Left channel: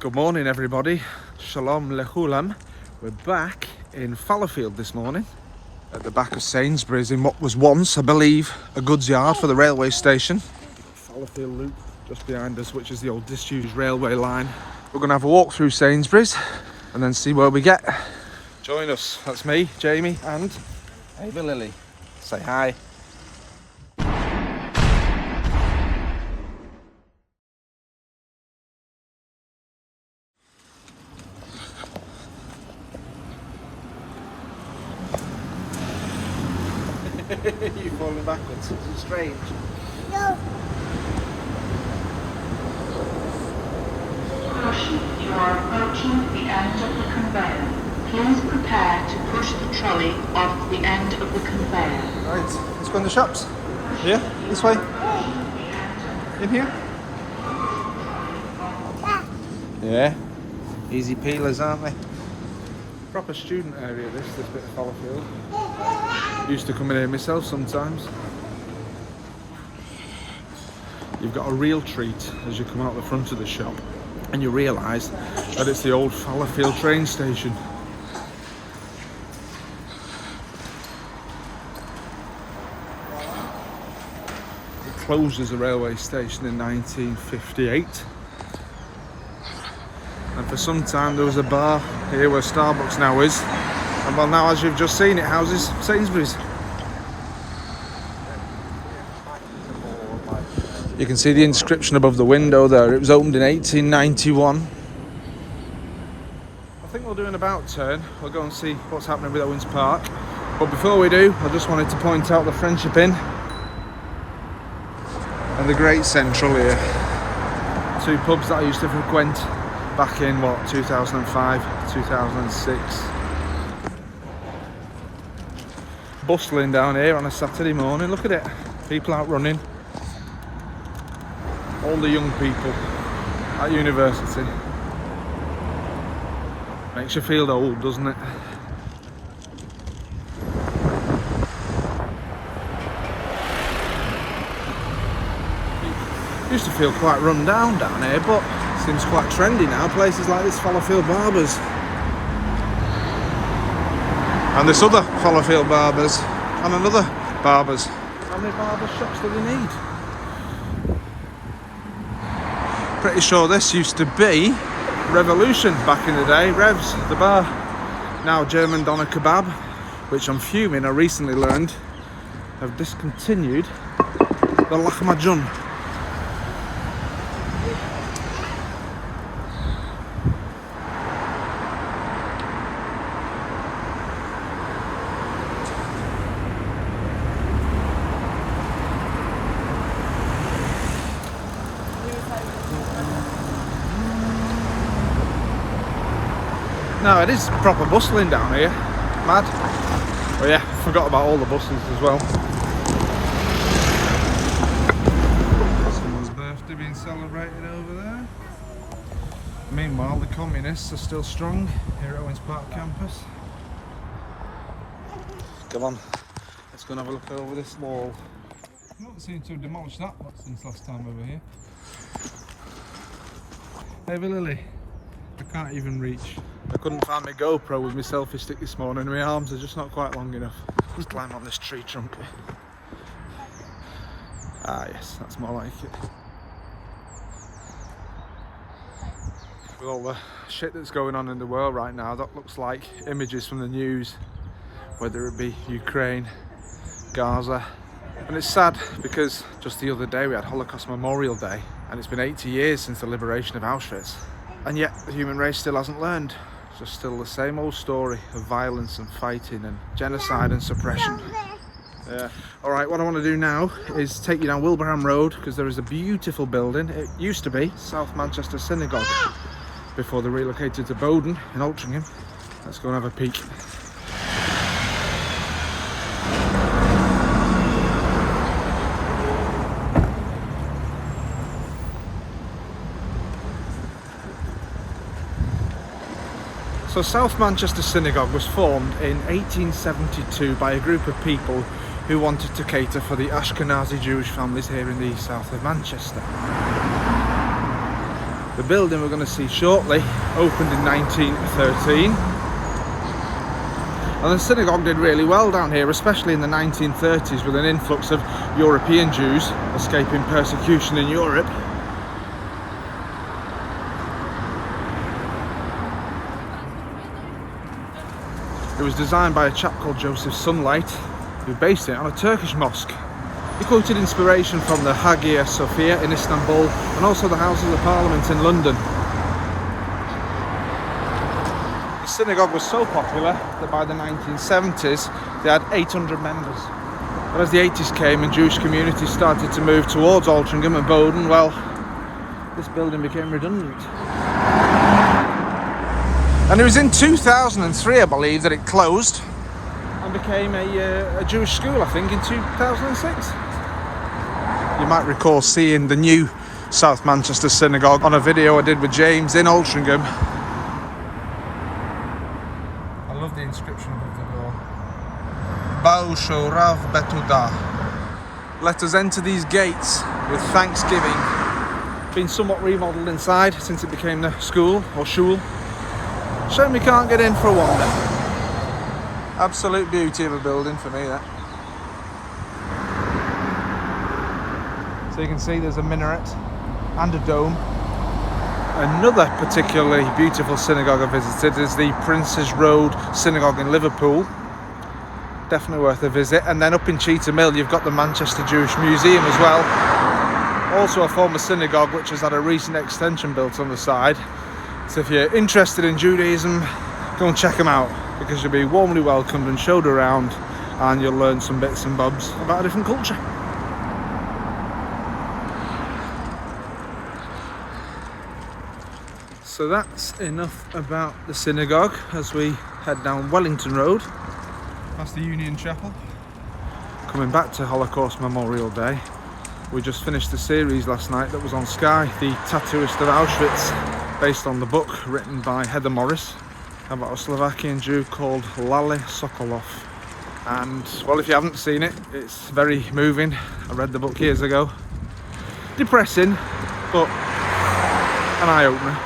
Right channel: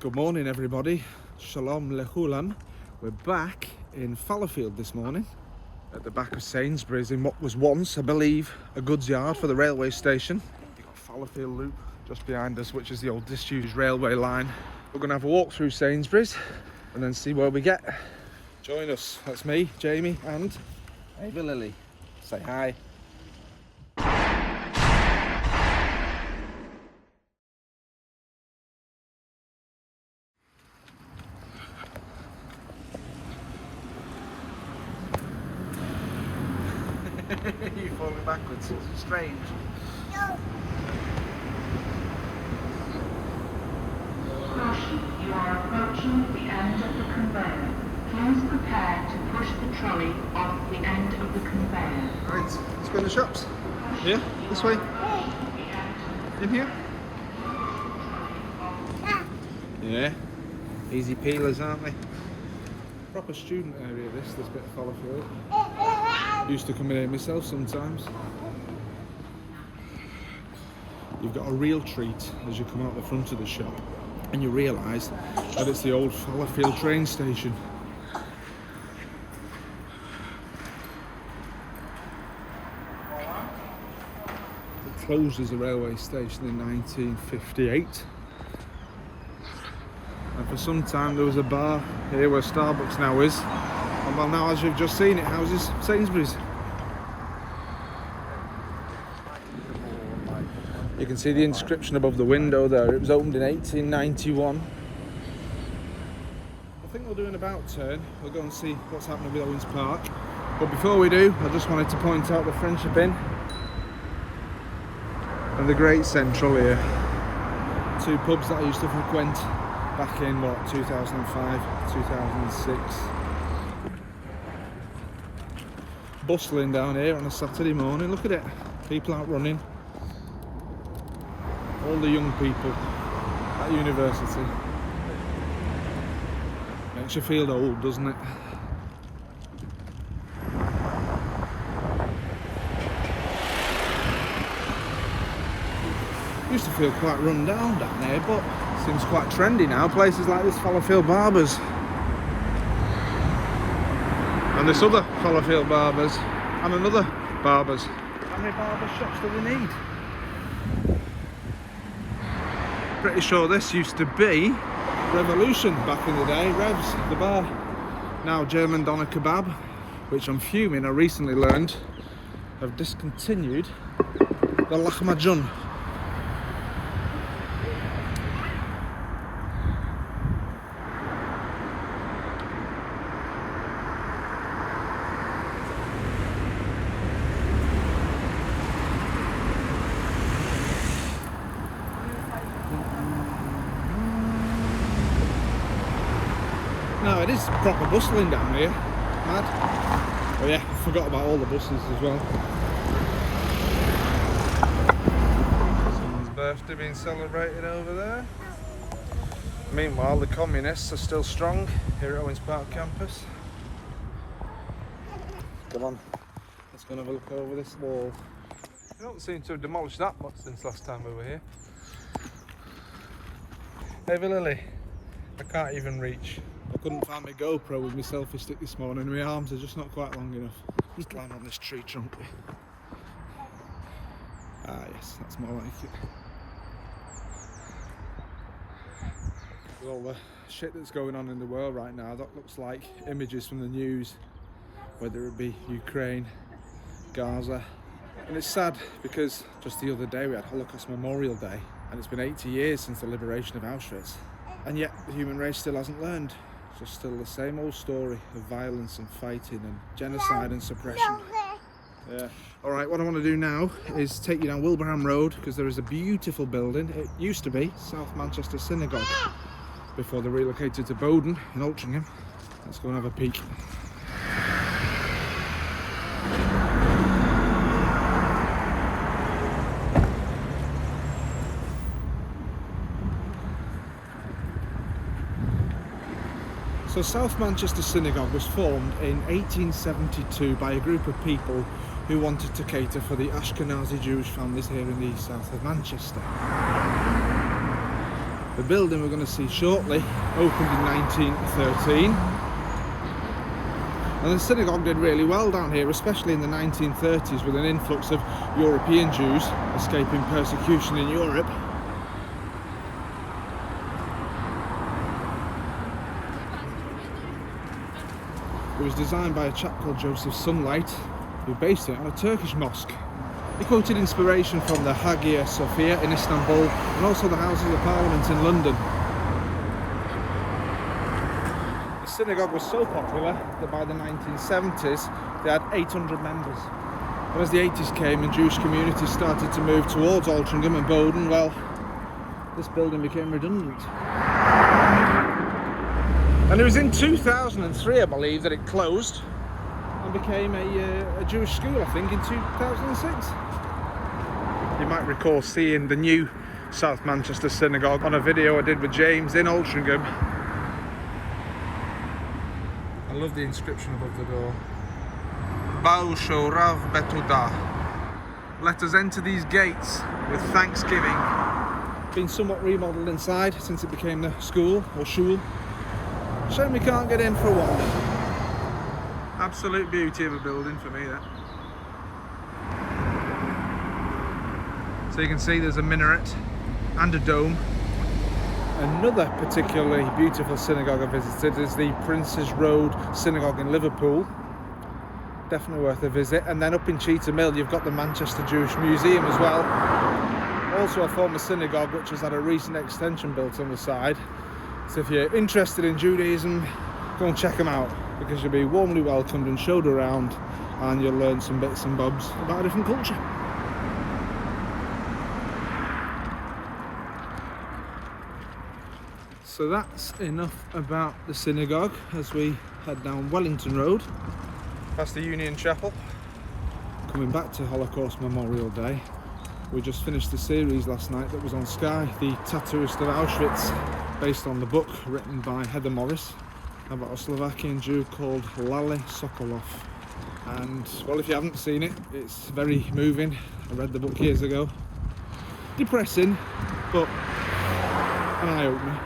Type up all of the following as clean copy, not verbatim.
Good morning everybody, Shalom Lechulam. We're back in Fallowfield this morning at the back of Sainsbury's in what was once, I believe, a goods yard for the railway station. We've got Fallowfield Loop just behind us, which is the old disused railway line. We're going to have a walk through Sainsbury's and then see where we get. Join us, that's me, Jamie and Ava Lily. Say hi. You're falling backwards. Is it strange? No. Caution, you are approaching the end of the conveyor. Please prepare to push the trolley off the end of the conveyor. Right, let's go in the shops. Here, this way. In here? Yeah. Easy peelers, aren't they? Proper student area this bit of Fallowfield. Used to come in here myself sometimes. You've got a real treat as you come out the front of the shop and you realise that it's the old Fallowfield train station. It closed as a railway station in 1958. And for some time there was a bar here where Starbucks now is. And well, now as you've just seen, it houses Sainsbury's. You can see the inscription above the window there. It was opened in 1891. I think we'll do an about turn. We'll go and see what's happening with Owens Park. But before we do, I just wanted to point out the Friendship Inn and the Great Central here. Two pubs that I used to frequent back in, what, 2005, 2006. Bustling down here on a Saturday morning. Look at it, people out running. All the young people at university. Makes you feel old, doesn't it? Used to feel quite run down here, but it seems quite trendy now. Places like this Fallowfield Barbers. And this other Fallowfield Barbers, and another Barbers. How many barber shops do we need? Pretty sure this used to be Revolution back in the day, Revs, the bar. Now German Doner Kebab, which I'm fuming, I recently learned, have discontinued the Lahmacun. No, it is proper bustling down here. Mad. Oh yeah, forgot about all the buses as well. Someone's birthday being celebrated over there. Meanwhile, the communists are still strong here at Owens Park campus. Come on, let's go and have a look over this wall. You don't seem to have demolished that much since last time we were here. Ava Lily, I can't even reach. I couldn't find my GoPro with my selfie stick this morning. My arms are just not quite long enough. Let's climb on this tree trunk. Ah yes, that's more like it. With all the shit that's going on in the world right now, that looks like images from the news, whether it be Ukraine, Gaza. And it's sad because just the other day we had Holocaust Memorial Day and it's been 80 years since the liberation of Auschwitz. And yet the human race still hasn't learned. Just still the same old story of violence and fighting and genocide and suppression. Yeah. Alright, what I want to do now is take you down Wilbraham Road because there is a beautiful building. It used to be South Manchester Synagogue before they relocated to Bowden in Altrincham. Let's go and have a peek. So South Manchester Synagogue was formed in 1872 by a group of people who wanted to cater for the Ashkenazi Jewish families here in the south of Manchester. The building we're going to see shortly opened in 1913. And the synagogue did really well down here, especially in the 1930s, with an influx of European Jews escaping persecution in Europe. It was designed by a chap called Joseph Sunlight, who based it on a Turkish mosque. He quoted inspiration from the Hagia Sophia in Istanbul and also the Houses of Parliament in London. The synagogue was so popular that by the 1970s they had 800 members. But as the 80s came and Jewish communities started to move towards Altrincham and Bowden, well, this building became redundant. And it was in 2003, I believe, that it closed and became a Jewish school, I think, in 2006. You might recall seeing the new South Manchester Synagogue on a video I did with James in Altrincham. I love the inscription above the door. Ba'u Shorav Betuda. Let us enter these gates with thanksgiving. Been somewhat remodelled inside since it became the school, or shul. Shame we can't get in for a wander. Absolute beauty of a building for me, that. So you can see there's a minaret and a dome. Another particularly beautiful synagogue I visited is the Princes Road Synagogue in Liverpool. Definitely worth a visit. And then up in Cheetham Hill you've got the Manchester Jewish Museum as well. Also a former synagogue which has had a recent extension built on the side. So if you're interested in Judaism, go and check them out, because you'll be warmly welcomed and showed around, and you'll learn some bits and bobs about a different culture. So that's enough about the synagogue as we head down Wellington Road, past the Union Chapel, coming back to Holocaust Memorial Day. We just finished the series last night that was on Sky, The Tattooist of Auschwitz, based on the book written by Heather Morris about a Slovakian Jew called Lale Sokolov. And well, if you haven't seen it, it's very moving. I read the book years ago. Depressing, but an eye-opener.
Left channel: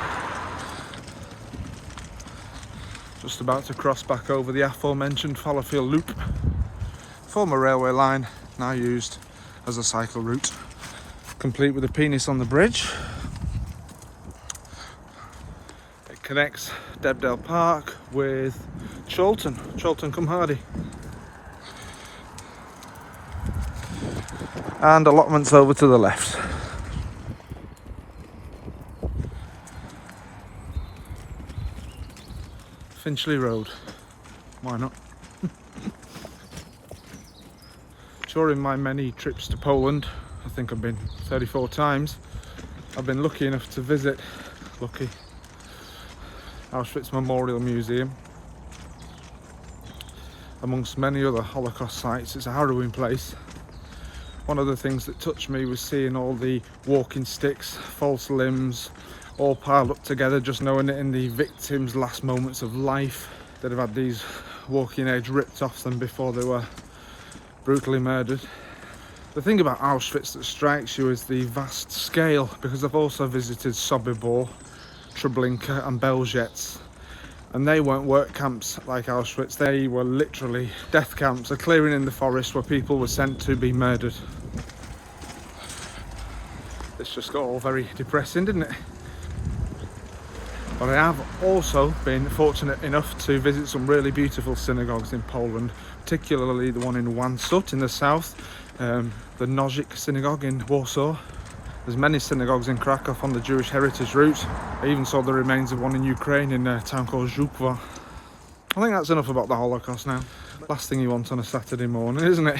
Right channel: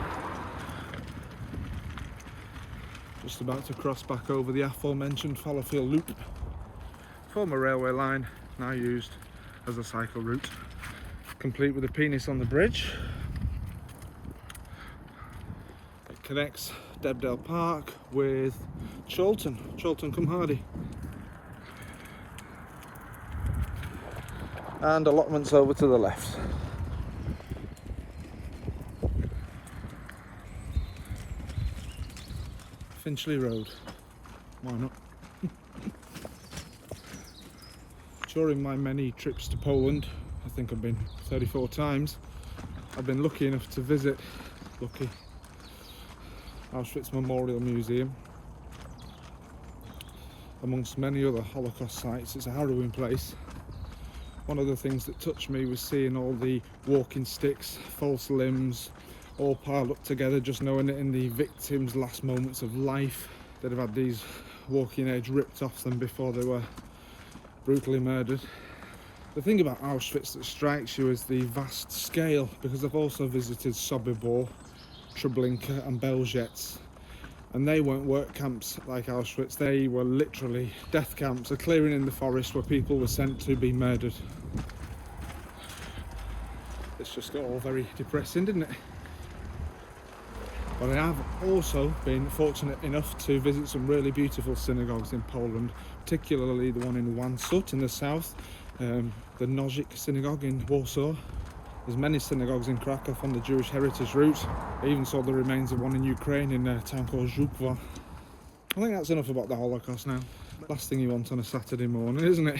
Just about to cross back over the aforementioned Fallowfield loop. Former railway line, now used as a cycle route. Complete with a penis on the bridge. Connects Debdale Park with Chorlton Cum Hardy. And allotments over to the left. Finchley Road, why not? During my many trips to Poland, I think I've been 34 times, I've been lucky enough to visit Auschwitz Memorial Museum. Amongst many other Holocaust sites, it's a harrowing place. One of the things that touched me was seeing all the walking sticks, false limbs, all piled up together, just knowing that in the victims' last moments of life, they'd have had these walking aids ripped off them before they were brutally murdered. The thing about Auschwitz that strikes you is the vast scale, because I've also visited Sobibor, Treblinka and Belzec, and they weren't work camps like Auschwitz. They were literally death camps, a clearing in the forest where people were sent to be murdered. It's just got all very depressing, didn't it? But I have also been fortunate enough to visit some really beautiful synagogues in Poland, particularly the one in Wansut in the south, the Nożyk Synagogue in Warsaw. There's many synagogues in Krakow on the Jewish heritage route. I even saw the remains of one in Ukraine in a town called Żukowa. I think that's enough about the Holocaust now. Last thing you want on a Saturday morning, isn't it?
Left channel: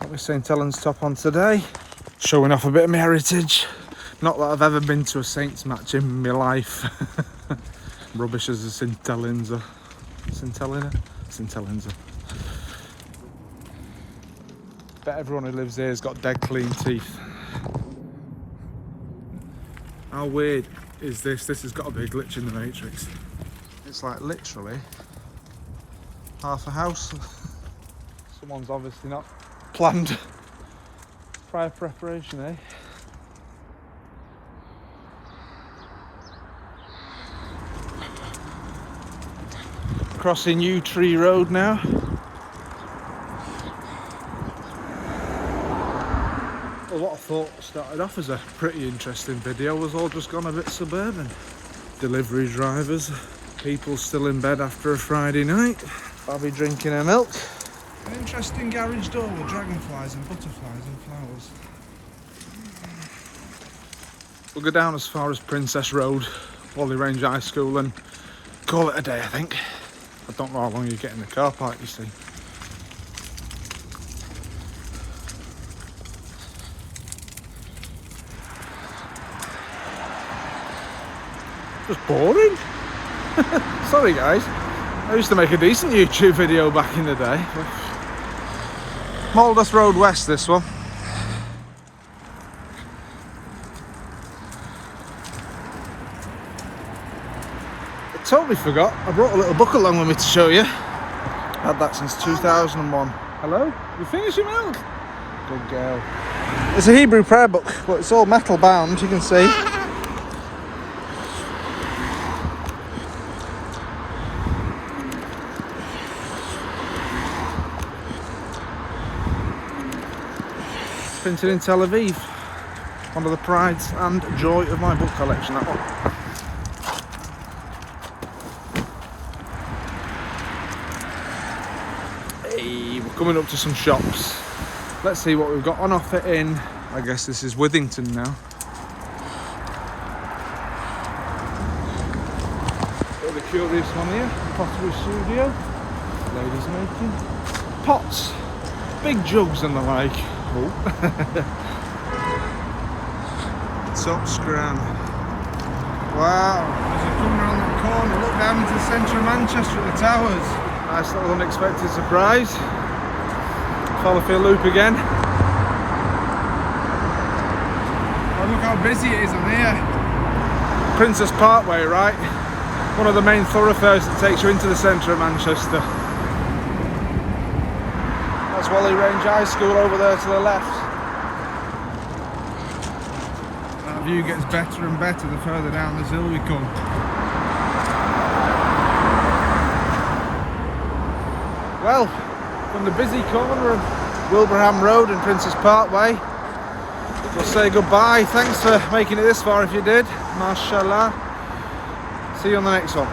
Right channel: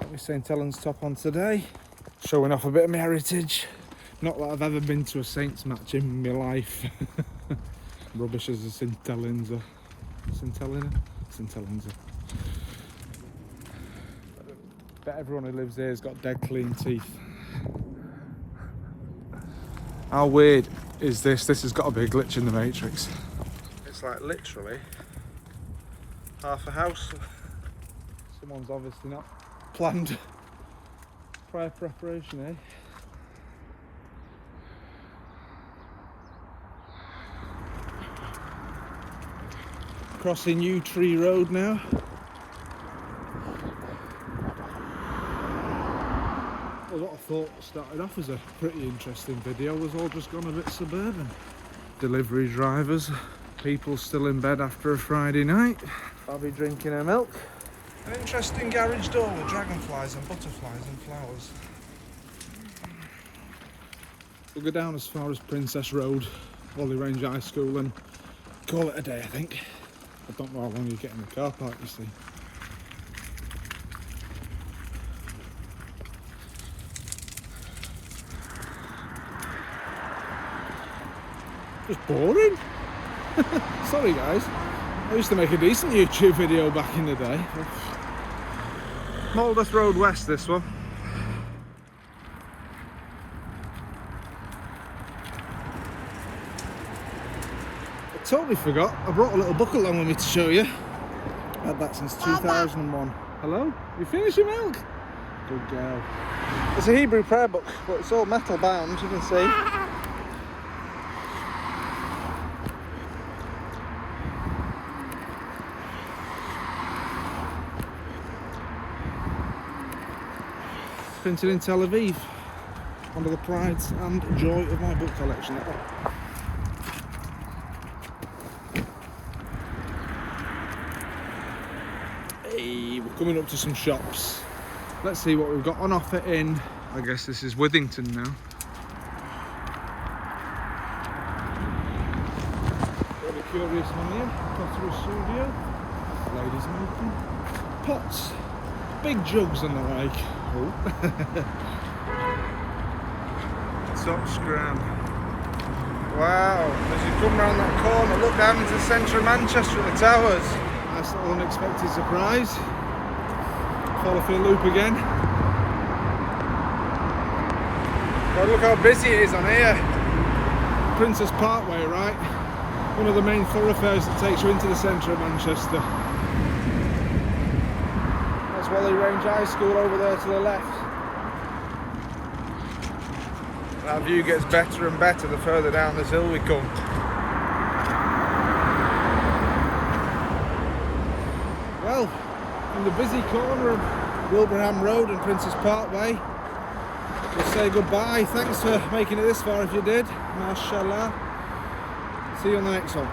Got my St Helens top on today. Showing off a bit of my heritage. Not that I've ever been to a Saints match in my life. Rubbish as a St Helens. St Helens. Bet everyone who lives here has got dead clean teeth. How weird is this? This has got to be a glitch in the Matrix. It's like literally half a house. Someone's obviously not planned Fire preparation, eh? Crossing Yew Tree Road now. Well, what I thought started off as a pretty interesting video was all just gone a bit suburban. Delivery drivers, people still in bed after a Friday night. I'll be drinking a milk. An interesting garage door with dragonflies and butterflies and flowers. We'll go down as far as Princess Road, Whalley Range High School, and call it a day, I think. I don't know how long you get in the car park, you see. Just boring. Sorry guys, I used to make a decent YouTube video back in the day. Maldos Road West, this one. I totally forgot, I brought a little book along with me to show you. Had that since 2001. Hello? You finished your milk? Good girl. It's a Hebrew prayer book, but it's all metal bound, you can see. Printed in Tel Aviv. One of the prides and joy of my book collection, that one. Hey, we're coming up to some shops. Let's see what we've got on offer in, I guess this is Withington now. Bit of a curious one here, pottery studio. Ladies making pots, big jugs and the like. Oh. Top scram. Wow, as you come round that corner, look down into the centre of Manchester at the towers. Nice little unexpected surprise. Fallowfield loop again. Oh, look how busy it is on here. Princess Parkway, right? One of the main thoroughfares that takes you into the centre of Manchester. That's Whalley Range High School over there to the left. That view gets better and better the further down this hill we come. Well, from the busy corner of Wilbraham Road and Princess Parkway, we'll say goodbye. Thanks for making it this far if you did. Mashallah. See you on the next one.